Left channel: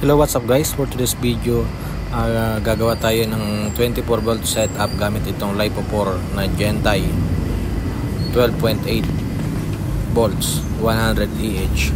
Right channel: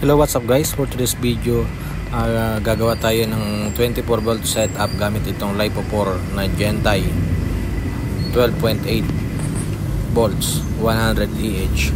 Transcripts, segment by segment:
Hello, what's up guys? For today's video, gagawa tayo ng 24 volt setup gamit itong LiPo4 na Gentai 12.8 volts 100 EH.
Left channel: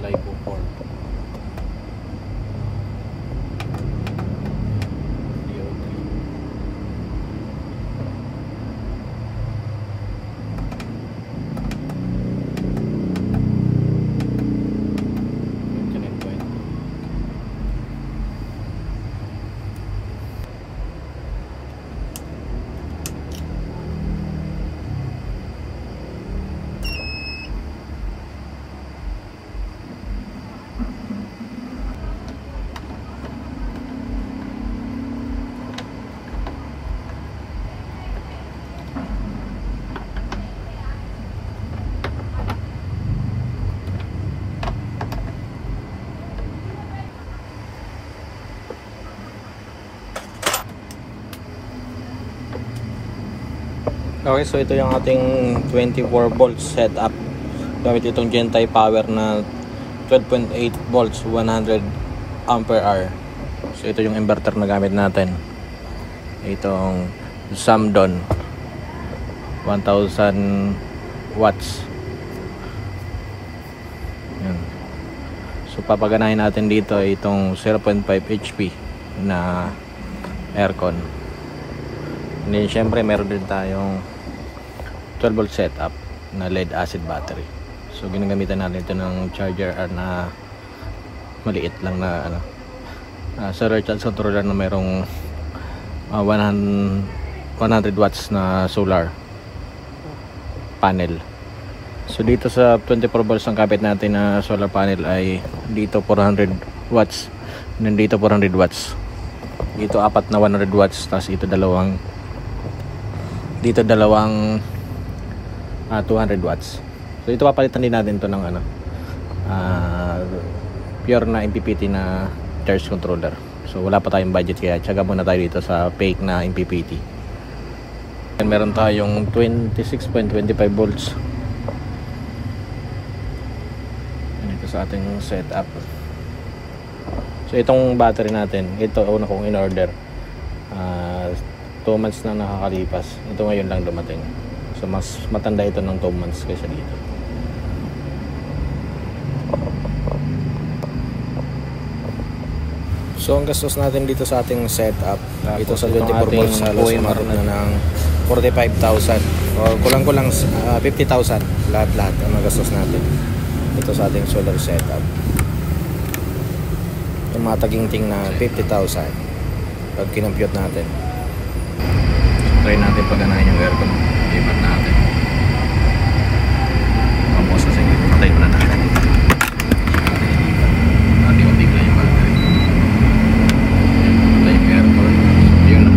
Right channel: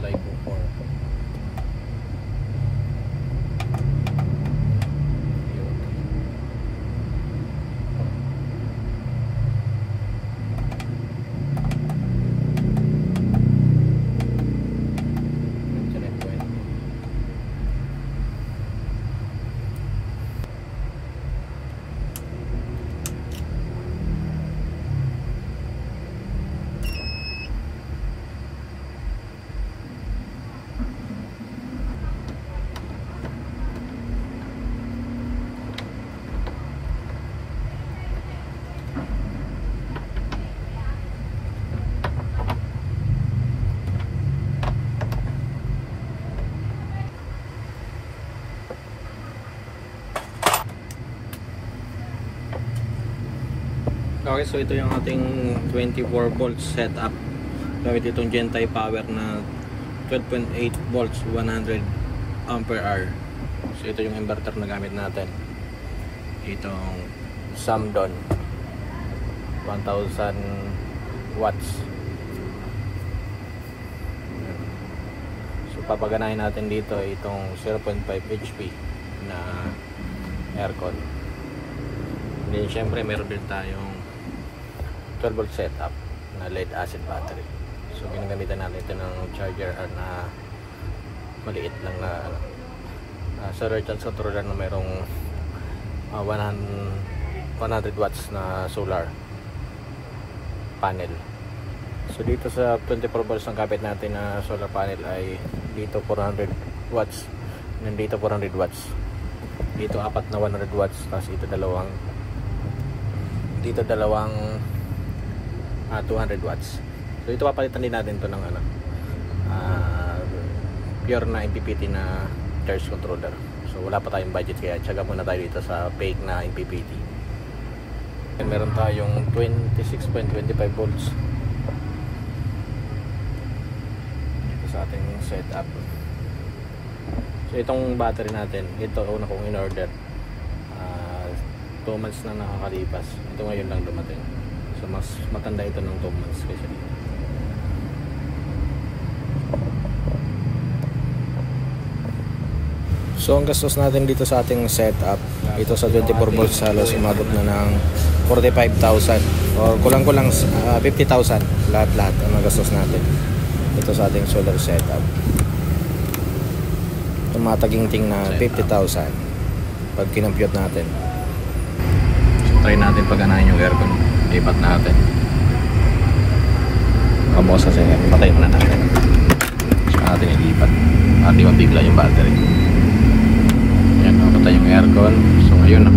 LiPo4 Okay, so ito yung ating 24 volt setup gamit itong Gentai power na 12.8 volts 100 ampere hour. So ito yung inverter na gamit natin, itong Samdon 1000 watts. Yan. So papaganahin natin dito itong 0.5 HP na aircon. And then syempre meron din tayong 12 volt setup na lead acid battery. So ginagamitan natin ito ng charger na maliit lang na sa recharge controller na mayroong 100 watts na solar panel. So dito sa 24 volts ang kapit natin na solar panel ay dito 400 watts, and dito 400 watts, dito apat na 100 watts, tapos ito dalawang 200 watts. So ito papalitan din natin to ng pure na MPPT na charge controller. So wala pa tayong budget, kaya tsaga muna tayo dito sa fake na MPPT. And meron tayong 26.25 volts ito sa ating setup. So itong battery natin, ito una kong in order 2 months na nakakalipas. Ito ngayon lang dumating. So mas matanda ito ng 2 months kaysa dito. So ang gastos natin dito sa ating setup, ito sa 24 volts halos umabot na ng 45,000 o kulang-kulang 50,000 lahat-lahat ang gastos natin ito sa ating solar setup. Yung mga taginting na 50,000 pag kinompute natin. So try natin paganahin yung aircon, lipat natin. Kamos kasi nga, patay muna natin. So natin ilipat, unti-unti lang yung battery. Ayan, patay yung aircon. So ayun,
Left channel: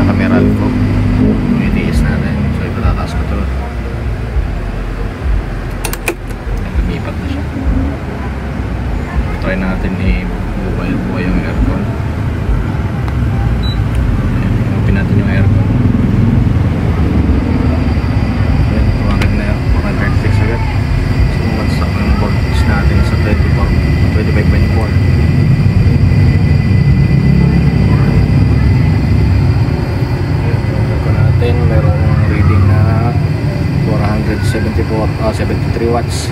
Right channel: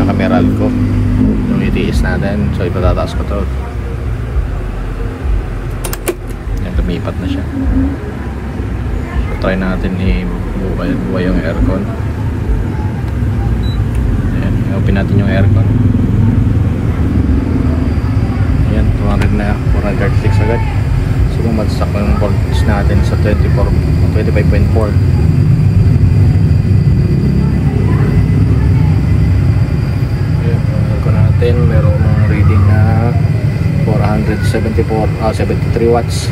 naka-meral ko yung itiis natin. So ipatataas ko to. Ayan, lumipat na siya. Try natin i-buhay yung aircon. Ayan, i-open natin yung aircon. Ayan, 200 na, 406 agad. So bumagsak yung voltage natin sa 25.4. Ayan, yung aircon natin merong reading na 73 watts.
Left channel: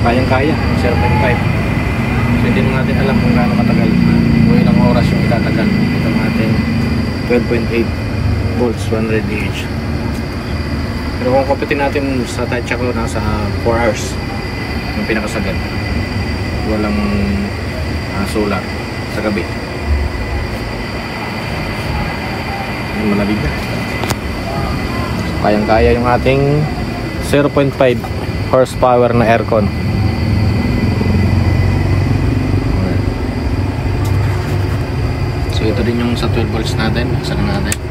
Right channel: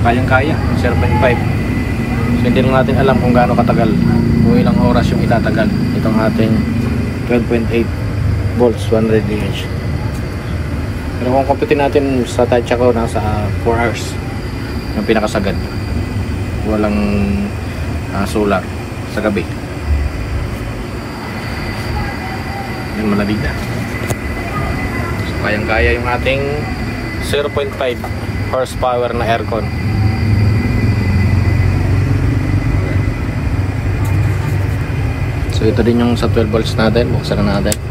Kayang-kaya, 0.5. So hindi natin alam kung gaano katagal, kung ilang oras yung itatagal itong ating 12.8 volts 100 EH. Pero kung computin natin sa tansya ko, nasa 4 hours yung pinakasagad. Walang solar sa gabi. Yung malamig na. So, kayang-kaya yung ating 0.5 horsepower na aircon. So ito din yung sa 12 volts natin. Buksan na natin.